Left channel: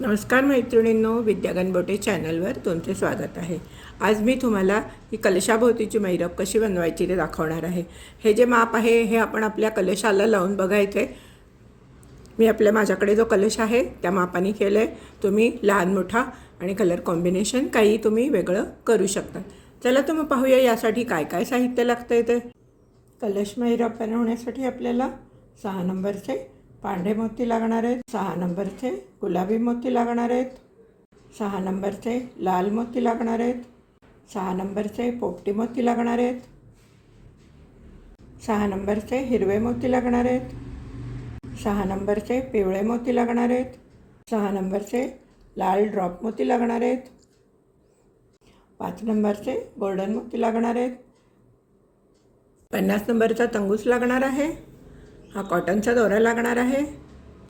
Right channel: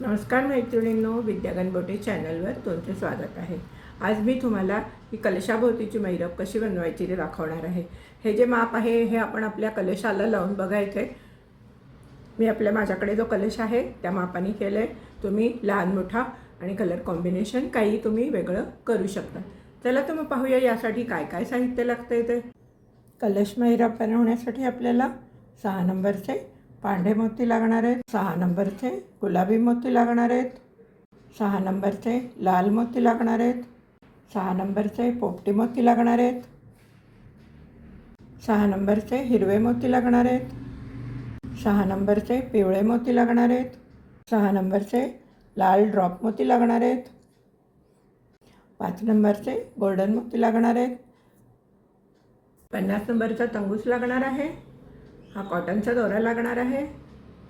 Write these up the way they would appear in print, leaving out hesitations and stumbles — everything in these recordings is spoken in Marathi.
नमस्कार मैत्रिणींनो, विद्या गणबोटे चॅनलवर तुमचे स्वागत आहे। आज मी तुम्हाला ही कलशाभोवतीची मैरप कशी बनवायची ते दाखवणार आहे। हे जे माप आहे हे आपण आपल्या कलशाला लावून बघायचे। मी माझ्याकडे जो कलश आहे त्या मापाने केले। तुम्ही लहान मोठा आणि कलर कॉम्बिनेशन काही तुम्ही वेगळं करू शकता। चला तर मग पाहूया यासाठी काय काय साहित्य लागते ते। कलश मैरप बनवण्यासाठी आपल्याला 6 नंबरचे पांढरे मोती लागणार आहेत, 6 नंबरचे गुलाबी मोती लागणार आहेत, 6 नंबरचे लाल मोती लागणार आहेत, 6 नंबरचे पोपटी मोती लागणार आहेत, 6 नंबरचे हिरवे मोती लागणार आहेत, 6 नंबरचे पिवळे मोती लागणार आहेत, 6 नंबरचे लाल ड्रॉप मोती लागणार आहेत, 5 नंबरचे गोल्डन मोती लागणार आहेत, 50 नंबरचा तंगूस लागणार आहे, हा कॉटनचा दोरा लागणार आहे।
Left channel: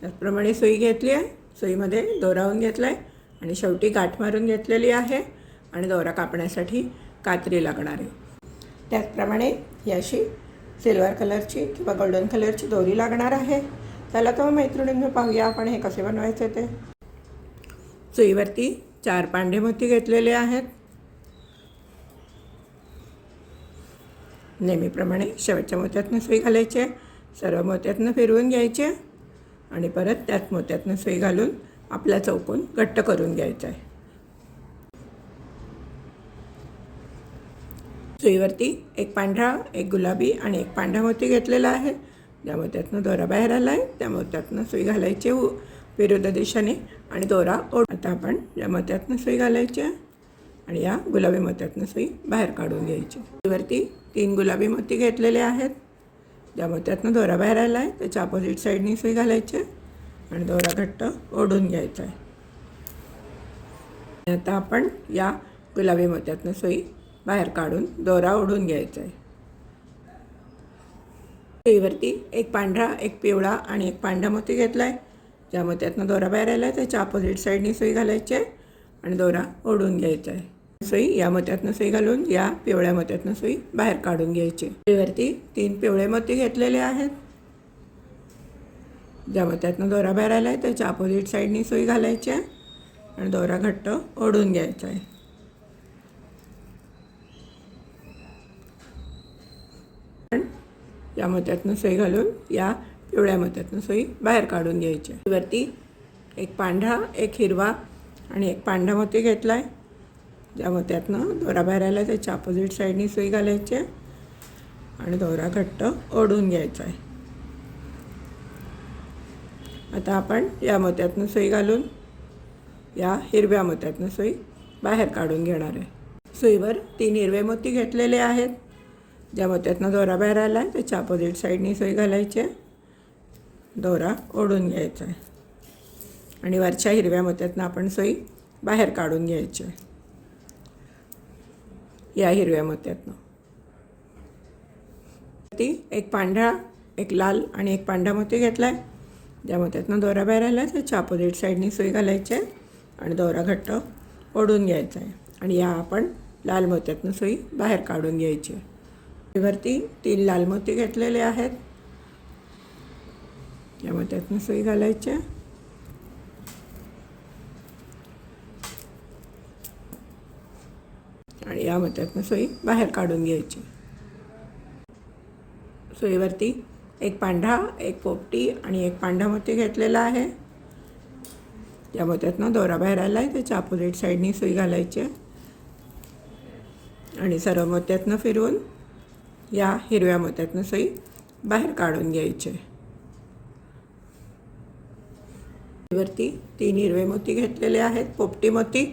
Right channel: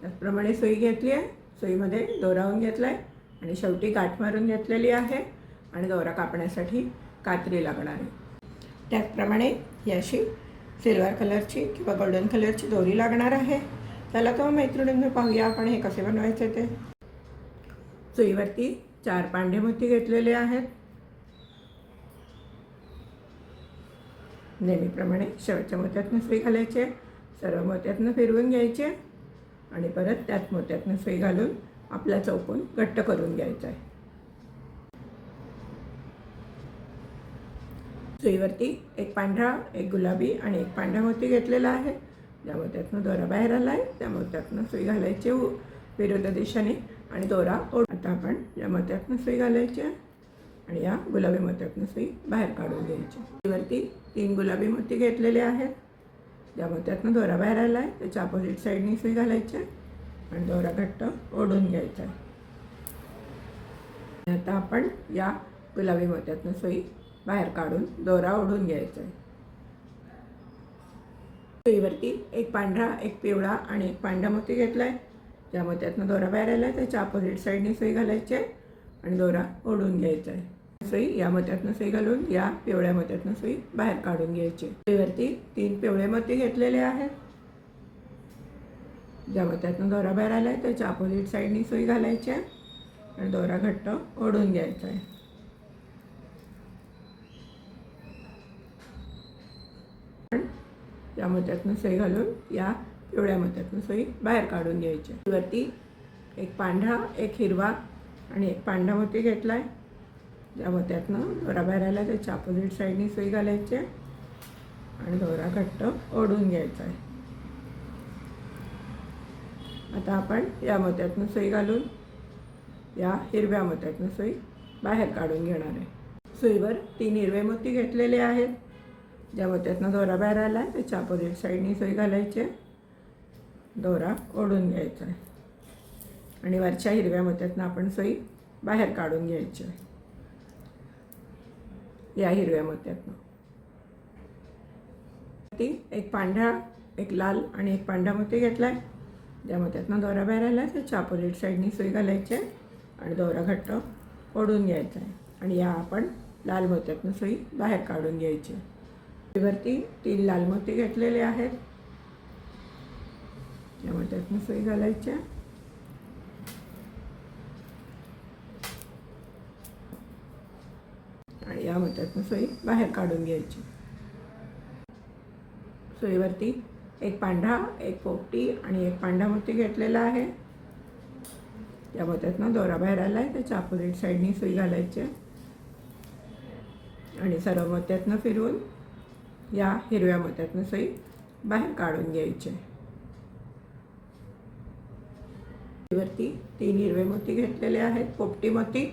त्याचप्रमाणे सुई घेतली आहे, सुईमध्ये दोरावून घेतला आहे आणि शेवटी गाठ मारून घेतलेली आहे आणि दोरा कापण्यासाठी कात्री लागणार आहे। त्याचप्रमाणे ही अशी सिल्वर कलरची किंवा गोल्डन कलरची दोरी लागणार आहे। चला तर मैत्रिणींनो पाहूया आपण हे कसे बनवायचे ते। सुईवरती 4 पांढरे मोती घेतलेले आहेत। नेहमीप्रमाणे शेवटच्या मोत्यातून सुई घालायची, सर्व मोत्यातून फिरवून घ्यायचे आणि परत त्याच मोत्यातून सुई घालून आपला चौकोन घट्ट करून घ्यायचा आहे। सुईवरती एक पांढरा, एक गुलाबी आणि एक पांढरा मोती घेतलेला आहे। ज्या मोत्यातून दोरा बाहेर आला आहे त्या मोत्यातून सुई घालायची विरुद्ध दिशेने आणि दोरा आता आपण या मोत्यातून सुई घालायची आणि या गुलाबी मोत्यातून सुई बाहेर काढून घ्यायची। सुईवरती 3 गुलाबी मोती घेतलेले आहेत। ज्या मोत्यातून दोरा बाहेर आला आहे त्याच्या अपोजिट साईडनी सुई घालायची आणि दोरा घट्ट ओढून घ्यायचा आहे। आता आपण या गुलाबी मोत्यातून सुई बाहेर काढून दोरा ओढून घ्यायचा आहे। सुईवरती एक पांढरा, एक पिवळा आणि एक पांढरा मोती घेतला आहे। ज्या मोत्यातून दोरा बाहेर आला आहे त्याच्या अपोजिट साईडनी सुई घालायची आहे आणि दोरा ओढून घ्यायचा आहे। सुई या मोत्यातून सुई घालून या पिवळ्या मोत्यातून सुई बाहेर काढून घ्यायची। सुईवरती 3 पिवळे मोती घेतलेले आहेत। ज्या मोत्यातून दोरा बाहेर आला आहे त्याच्या अपोजिट साईडनी सुई घालायची आहे आणि दोरा घट्ट ओढून घ्यायचा आहे। या मोत्यातून सुई घालून या पिवळ्या मोत्यातून सुई बाहेर काढून घ्यायची। सुईवरती एक पांढरा, एक हिरवा आणि एक पांढरा मोती घेतला आहे। ज्या मोत्यातून दोरा बाहेर आला त्याच्या अपोजिट साईडनी सुई घालायची आणि दोरा घट्ट ओढून घ्यायचा आहे। आता आपण या मोत्यातून सुई घालून या हिरव्या मोत्यातून सुई बाहेर काढून घेणार आहे। सुईवर 3 हिरवे मोती घेतलेले आहेत। ज्या मोत्यातून दोरा बाहेर आला आहे त्याच्या अपोजिट साईडनी सुई घालायची, दोरा ओढून घ्यायचा आहे आणि वरच्या हिरव्या मोत्यातून आपण सुई बाहेर काढून घ्यायची आहे। या हिरव्या मोत्यातून एक पांढरा, एक लाल आणि एक पांढरा मोती घेतला आहे। ज्या मोत्यातून दोरा बाहेर आला आहे त्याच्या अपोजिट साईडनी सुई घालायची आणि दोरा घट्ट ओढून घ्यायचा आहे आणि या आपण लाल मोत्यातून सुई बाहेर काढून घ्यायची। सुईवरती 3 लाल मोती घेतलेले आहेत। या मोत्यातून सुई घालायची आणि या मोत्यातून सुई बाहेर काढून घ्यायची। सुईवरती एक पांढरा, एक पोपटी आणि एक पांढरा मोती घेतलेला आहे। या मोत्यातून दोरा बाहेर आला आहे त्याच्या अपोजिट साईडनी सुई घालायची आणि सर्व मोत्यातून फिरवून या हिरव्या मोत्यातून सुई बाहेर काढून घ्यायची। सुईवरती 3 हिरवे मोती घेतलेले आहेत, पोपटी मोती।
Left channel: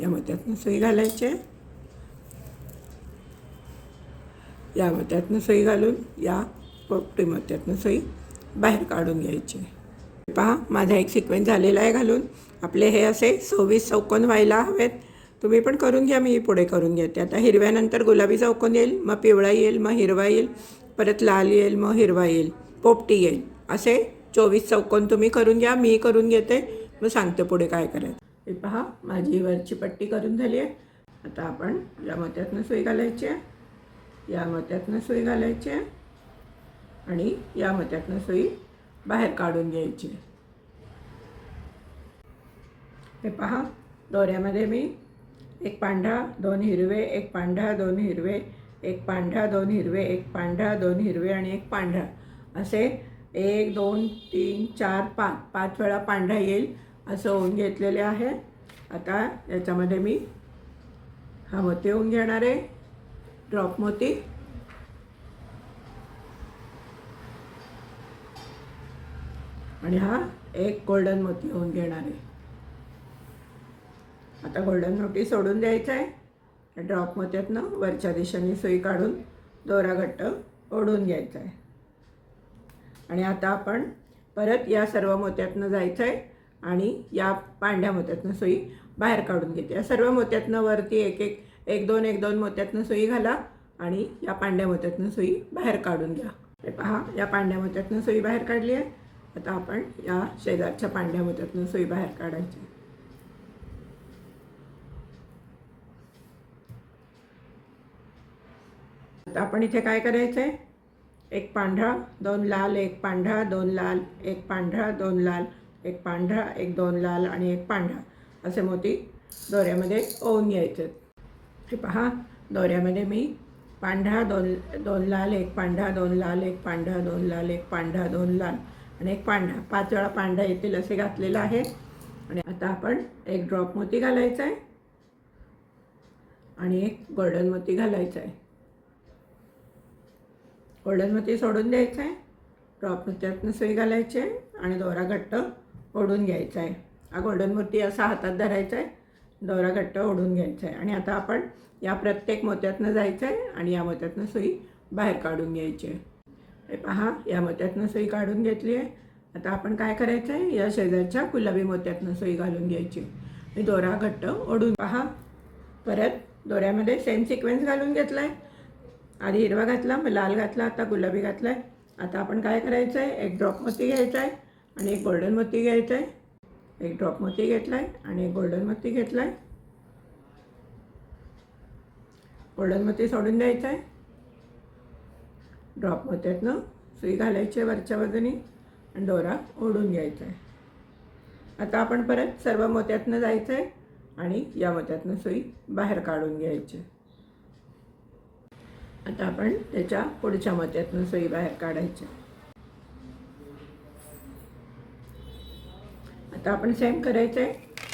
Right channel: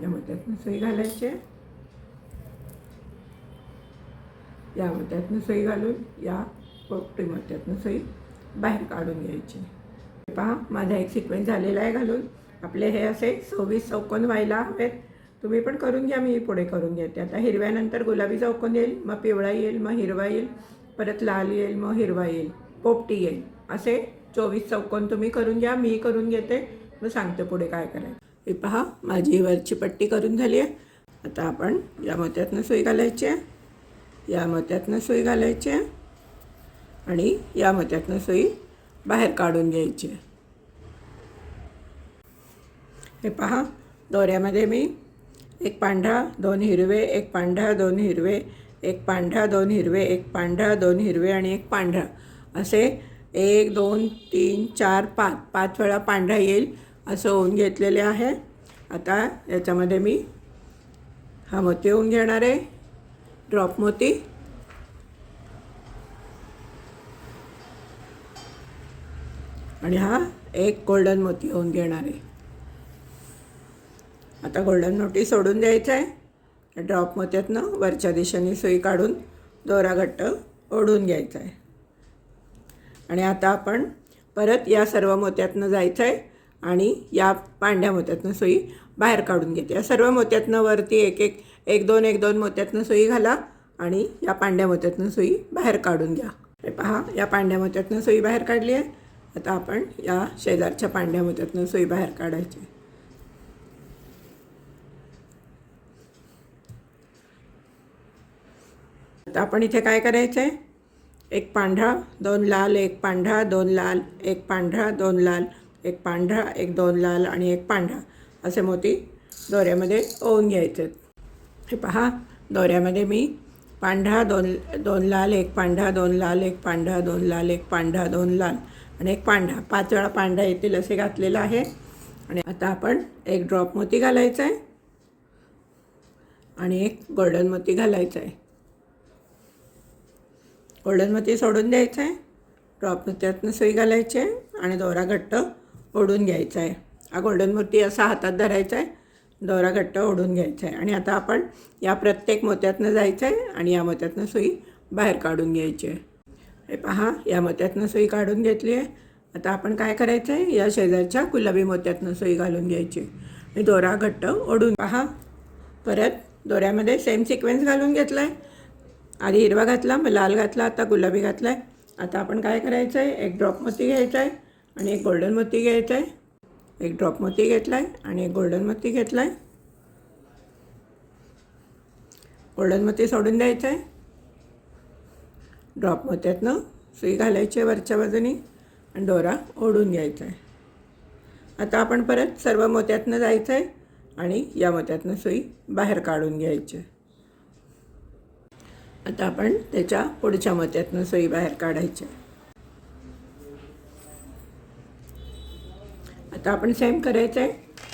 या मोत्यातून सुई घालायची, या मोत्यातून सुई घालून या पोपटी मोत्यातून सुई बाहेर काढून घ्यायची। पहा माझा एक सिक्वेन्स झालेला आहे घालून। आपले हे असे 26 चौकोन व्हायला हवेत। तुम्ही पण करून घ्या, मी पुढे करून घेते। आता हिरव्यानंतर गुलाबी चौकोन येईल, मग पिवळा येईल, मग हिरवा येईल, परत लाल येईल, मग हिरवा येईल, पोपटी येईल। असे 24 चौकोन तुम्ही करून घ्या, मी करून घेते, मग सांगते पुढे काय करायचं। हे पहा माझी वरची पट्टी करून झाली आहे। आता आपण या मोत्यातून सुई घालायची, या मोत्यातून सुई घालायची आणि या मोत्यातून सुई बाहेर काढून घ्यायची। हे पहा, दोऱ्यामध्ये मी एक पांढरा, दोन हिरवे, एक पांढरा, दोन हिरवे, एक पांढरा, दोन हिरवे, एक पांढरा, दोन हिरवे आणि एक पांढरा असे 1 2 3 4 5 5 वेळा पांढरा येईल असं होऊन घेतलेले आहे. आता याच्यामध्ये मी हा मोती होऊन घेणार आहे, ड्रॉप मोती. आणि हा एक गोल्डन मोती होऊन घेणार आहे. आता गोल्डन मोती सोडून द्यायचा आहे. ड्रॉप मोत्यातनं वरच्या दिशेने सुई काढून दोरा घट्ट ओढून घ्यायचा आहे. आणि आता आपण परत या सर्व मोत्यातनं जायचं आहे आणि या पांढऱ्या मोत्यातनं सुई बाहेर काढून घेते. या सर्व मोत्यातनं वरती एक दोन मोत्यातनं सुई घाला आणि या पांढऱ्या मोत्यातनं सुई बाहेर काढून घ्या. हे पहा, या पांढऱ्या मोत्यातनं सुई बाहेर काढली आहे. आता आपण या शेजारच्या पांढऱ्या मोत्यातनं सुई बाहेर काढायची. आता आपण इथे काय करायचं आहे, एक पांढरा, दोन लाल, एक पांढरा, दोन लाल, एक पांढरा, दोन लाल, एक पांढरा, एक दोन लाल आणि एक पांढरा असे मोती दोऱ्यामध्ये ओवून घ्यायचे. हे पहा, दोऱ्यामध्ये मी पांढरा, दोन लाल, एक पांढरा, दोन लाल, एक पांढरा, दोन लाल, एक पांढरा, दोन लाल आणि एक पांढरा 5 वेळा पांढरा येतील असे घातलेलं आहे. आणि आता आपण एक ड्रॉप मोती घालायचा आहे आणि एक गोल्डन मोती घालायचा आहे. गोल्डन मोती सोडून द्यायचं आहे, ड्रॉप मोत्यातनं सुई घालायची आहे आणि दोरा घट्ट ओढून घ्यायचा आहे. हा गोल्डन मोती असा हातात धरायचा आहे, दोरा घट्ट ओढून घ्यायचा आहे. आणि आता आपण या प्रत्येक मोत्यातनं जायचं आहे आणि या मोत्यातनं सुई बाहेर काढून घ्यायची आहे. हे पहा, या मोत्यातनं सुई काढून घेतली आहे. आता आपण काय करायचं आहे, या शेजारच्या गुलाबी मोत्यातनं सुई घालून घ्यायची आणि दोरा घट्ट ओढून. पहा, परत दोऱ्यामध्ये सेम सिक्वेन्स घालून घेतला आहे. आधी हिरवा घातला, मग लाल घातला, आता गुलाबी घातला आहे. आता आपण काय करायचं आहे, एक ड्रॉप मोती घ्यायचा आहे आणि एक गोल्डन मोती घ्यायचा आहे. एक ड्रॉप मोती घेतला आहे आणि एक गोल्डन मोती घेतला आहे. गोल्डन मोती सोडून द्यायचं आहे, ड्रॉप मोत्यातनं सुई घालायची आहे वरच्या बाजूनी आणि दोरा ओढून घ्यायचा आहे. आता आपण परत सर्व मोत्यातनं जायचं आहे आणि या मोत्यातनं सुई बाहेर काढून घ्यायची आहे. आता आपण त्याच्या पुढच्या मोत्यातनं सुई बाहेर काढायची. आता आपण सेम करायचं आहे.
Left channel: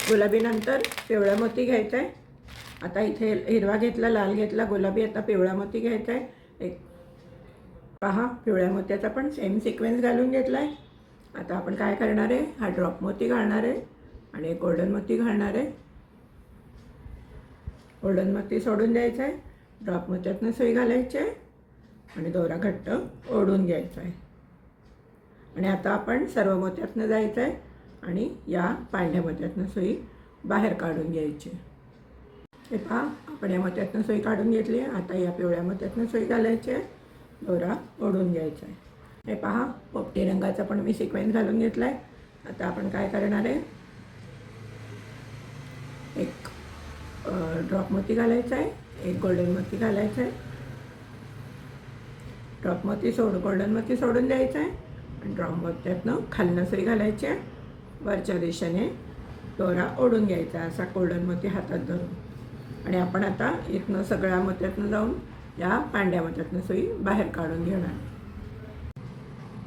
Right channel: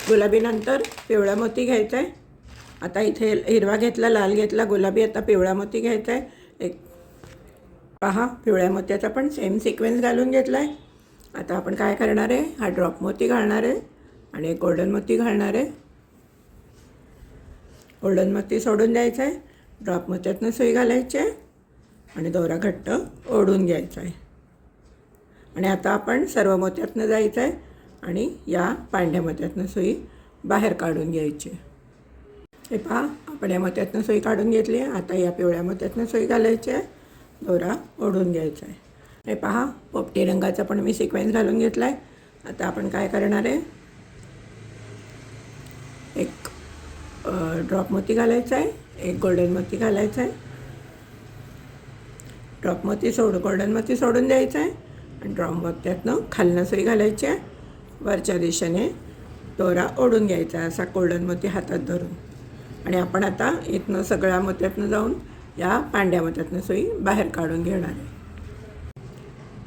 गुलाबीनंतर पिवळा मोती घ्यायचा आहे. आता इथे हिरवा घेतला, लाल घेतला, गुलाबी, आता पिवळा मोती घ्यायचा आहे. एक पहा, पिवळ्या मोत्याचा पण सेम सिक्वेन्स घालून घेतला आहे. आता आपण काय करणार आहे, हा ड्रॉप मोती घालणार आहे आणि एक गोल्डन मोती घालणार आहे. गोल्डन मोती सोडून द्यायचं आहे, ड्रॉप मोत्यातनं सुई घालायची आहे आणि दोरा घट्ट ओढून घ्यायचा आहे. आणि आता आपण सर्व मोत्यातनं जायचं आहे आणि या पांढऱ्या मोत्यातनं सुई बाहेर काढून घ्यायची. हे पहा, आपण या मोत्यातनं सुई काढून घेतली आहे. आता या पिवळ्या मोत्यातनं सुई घालायची आहे, दोरा ओढून घ्यायचा आहे. हे पहा, पोपटी रंगाचा पण मी सिक्वेन्स घालून घेतला आहे. आता आपण काय करणार आहे, एक ड्रॉप मोती घालायचा आहे, एक गोल्डन मोती घालायचा आहे. ड्रॉप मोती गोल्डन मोती सोडून द्यायचं आहे आणि ड्रॉप मोत्यातनं खालनं सुई घालायची आहे. वरच्या दिशेने दोरा ओढून घ्यायचा असा गोल्डन मोती हातात धरून. आणि आपण आता इथनं सगळ्या मोत्यातनं जाऊन या पांढऱ्या मोत्यातनं सुई बाहेर काढून घेणार आहे.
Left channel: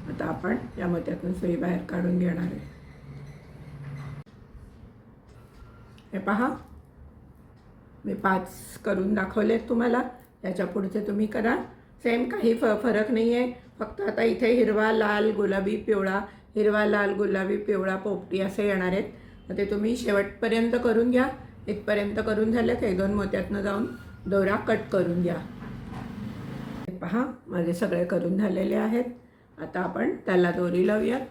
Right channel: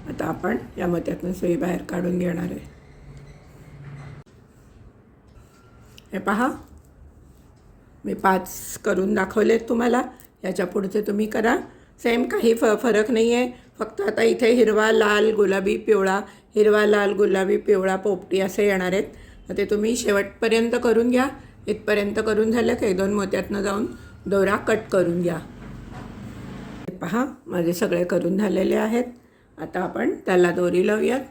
आता आपण या मोत्यातनं सुई बाहेर काढून घेणार आहे. हे पहा, मी 5 करून दाखवले तुम्हाला. याच्या पुढचे तुम्ही करा. सेम, काही फरक नाही आहे. फक्त आता इथे हिरवा, लाल, गुलाबी, पिवळा, हिरवा, लाल, गुलाबी, पिवळा, पोपटी असे येणार आहेत. तर ते तुम्ही शेवटपर्यंत करून घ्या. इथपर्यंत करून झालं की 2 मोत्यातनं जाऊन दोरा कट करून घ्या. पहा, माझे सगळे करून झालेले आहेत. आता आपण त्याला दोरी लावूयात.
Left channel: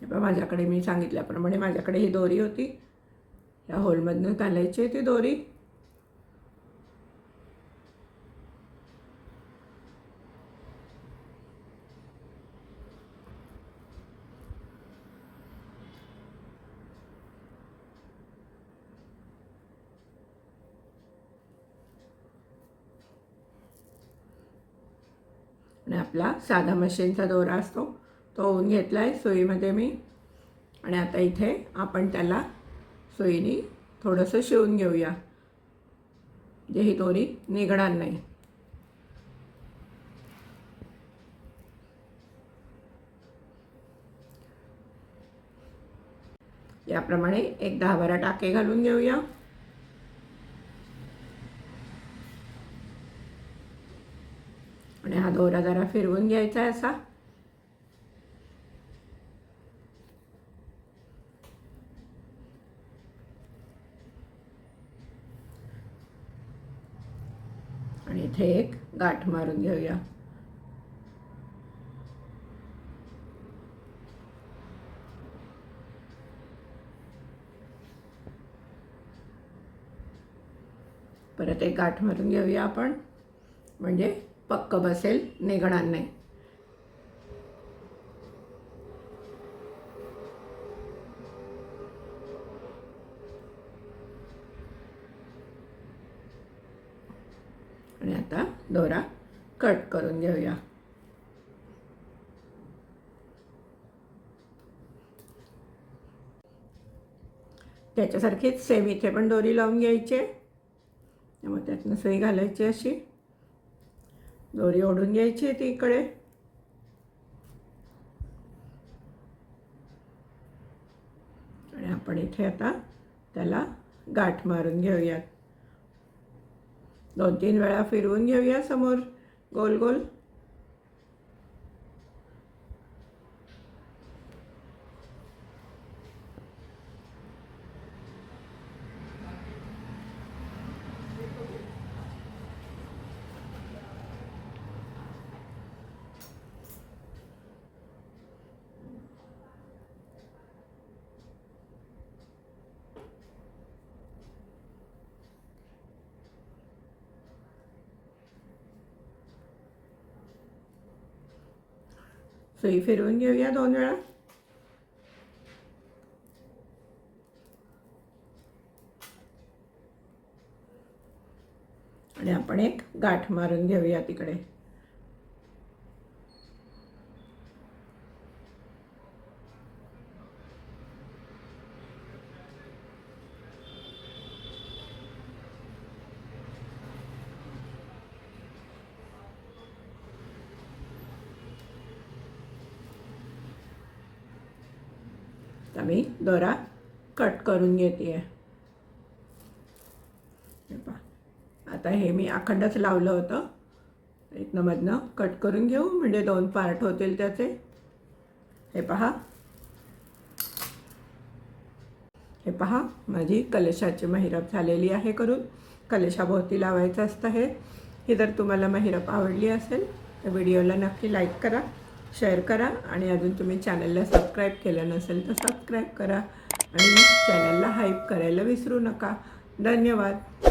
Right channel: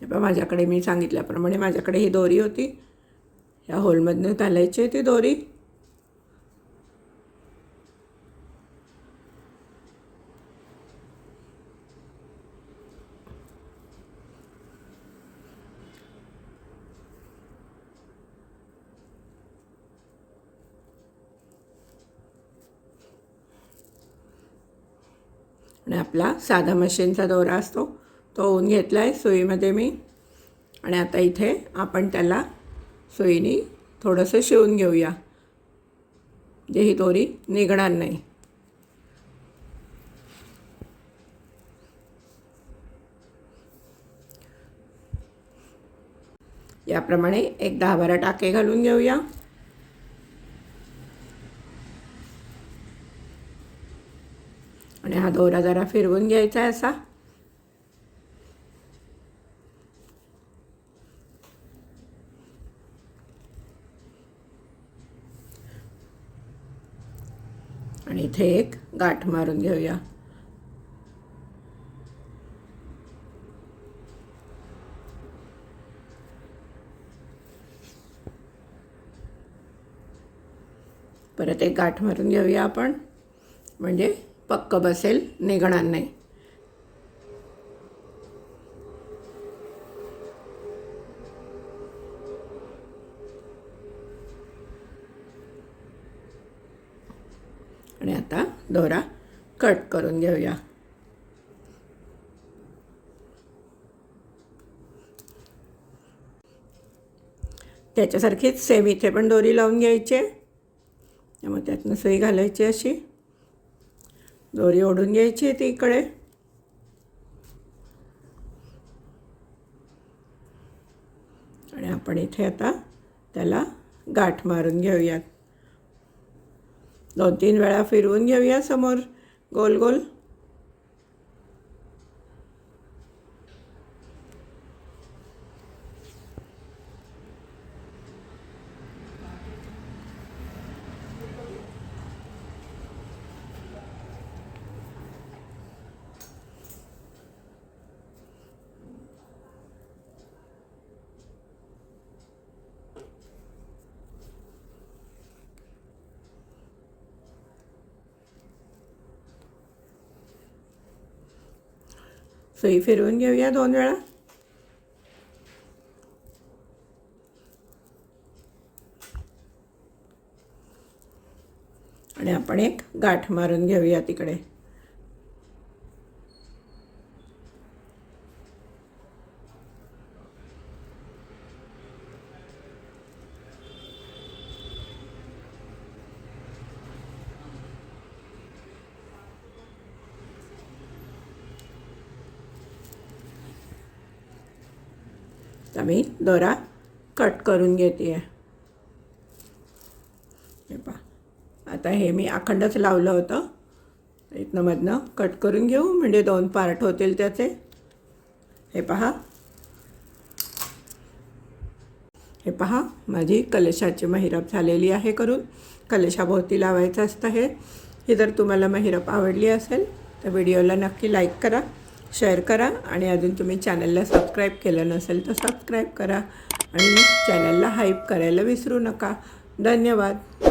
हे पहा, माझ्याकडे मी सांगितल्याप्रमाणे माझ्याकडे ही दोरी होती. या होलमधनं घालायची ती दोरी. आणि आपला साधा मशीनचा दोरा असतो तो ओवून घेतला आहे सुईमध्ये मी. आणि आता इथे आपण त्याला सुईने थोडंसं शिवून घेऊया, जे ही दोरी निघणार नाही. याप्रमाणे एक 10-12 टाके घालून घेऊया. आणि हा दोरा जरा फिरवून घ्यायचा आहे असा. आणि इथे एक गाठ मारून घेऊया. परत एक गाठ मारून घेऊया आपण, म्हणजे पक्क बसेल, निघणार नाही. आणि आता दोरा कट करून घेऊया. त्याच्यासारखीच सेम इथे पण दोरी लावून घ्यायची आहे. त्यामुळे त्यातनं सुई घालायची, अशी दोरी ओढून घ्यायची आहे ती इकडे. आणि आपण इथे आता त्याला गाठ मारून घेऊयात. 2-3 वेळा फिरवून घेऊया समोर गोल गोल. सुई फिरवून घेऊया 2 वेळा. आणि आपण एक गाठ मारून घेऊया तिकडे. तर मी दोरा कट करून घेते आहे. हे पहा, आता हे मी अखंडच लावलं होतं, इथनं मधनं कट करून घेऊ, म्हणजे 2 पार्ट होतील त्याचे. हे पहा माझी कलशाची महिरप झालेली आहे करून. कलशाभोवती लावायचं असतं हे. ही जर तुम्हाला महिरप आवडली असेल तर व्हिडिओला नक्की लाईक करा, शेअर करा. आणि अजून तुम्ही चॅनलला सबस्क्राईब केलं नसेल तर सबस्क्राईब करा. आणि चॅनलला हाईप करायला विसरू नका. धन्यवाद.